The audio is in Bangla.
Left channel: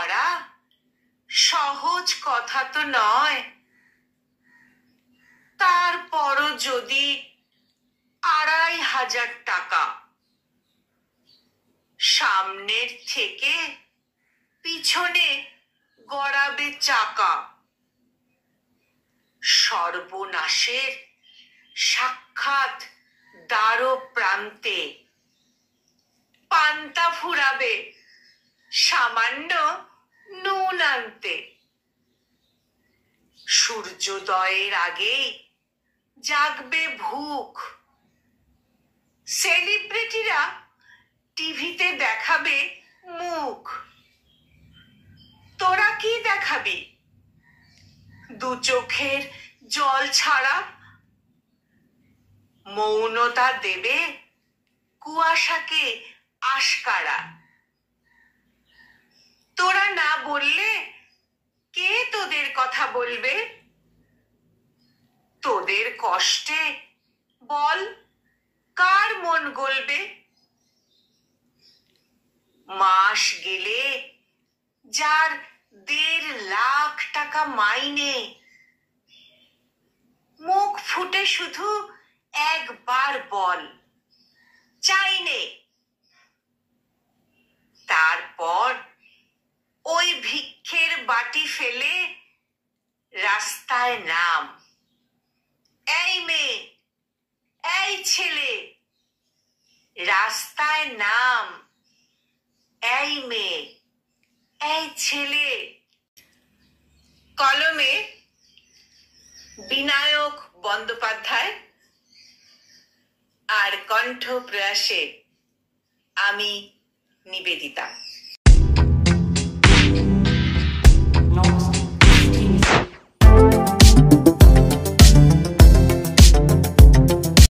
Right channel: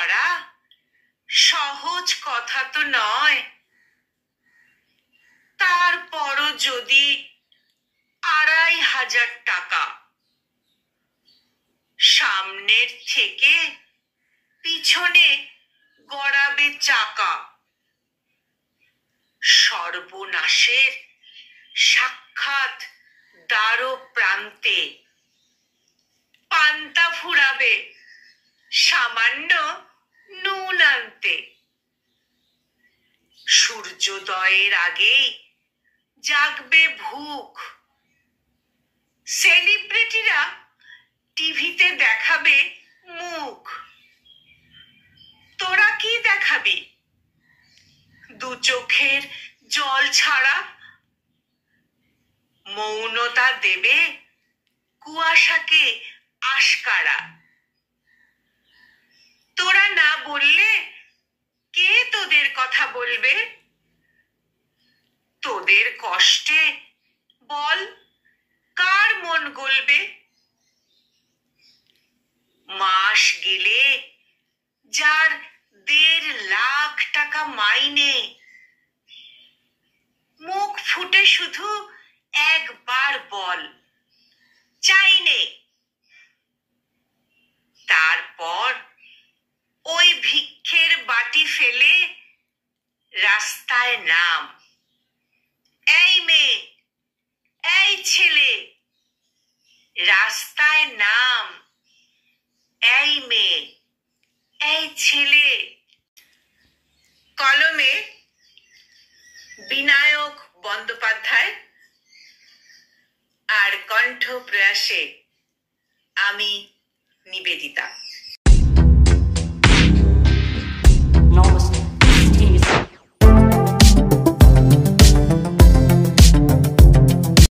করা সহজ কথা তো নয়। তারপরও যদি ২৫০০ টাকা সামনের থেকে পিছনে গড়াবে চাকা, সর্বনাশের সাক্ষাৎ দ্বার প্রান্তে পান্তা ফুরাবে সামান্য নুন আনতে। সূর্যোদয়ের আগেই জাগবে ভুখ, সেলিব্রিটিরা টিভিতে দেখাবে মুখ। তোরা কি দেখাবি? দু চোখের জল ছাড়া মৌনতা দেবে কুয়াশাকে আশকারা। তোরা না বললে কে তোদের কথা বলবে? তোদের কষ্টে বল কার মন গলবে? মাস গেলে যার ১.৫ লাখ টাকা মাইনে, মুখ ফুটে শুধু একবার বল চাইনে। তারপর ওই ভিক্ষের বাটি ফেলে রাস্তায় নাম। এই মেয়ে, এই ছেলে, রাস্তায় নাম। এই মেয়ে, এই ছেলে। কলমে বিনায়ক বন্দ্যোপাধ্যায়, আর কণ্ঠ প্রয়াসে আমি নিবেদিতা। Enormous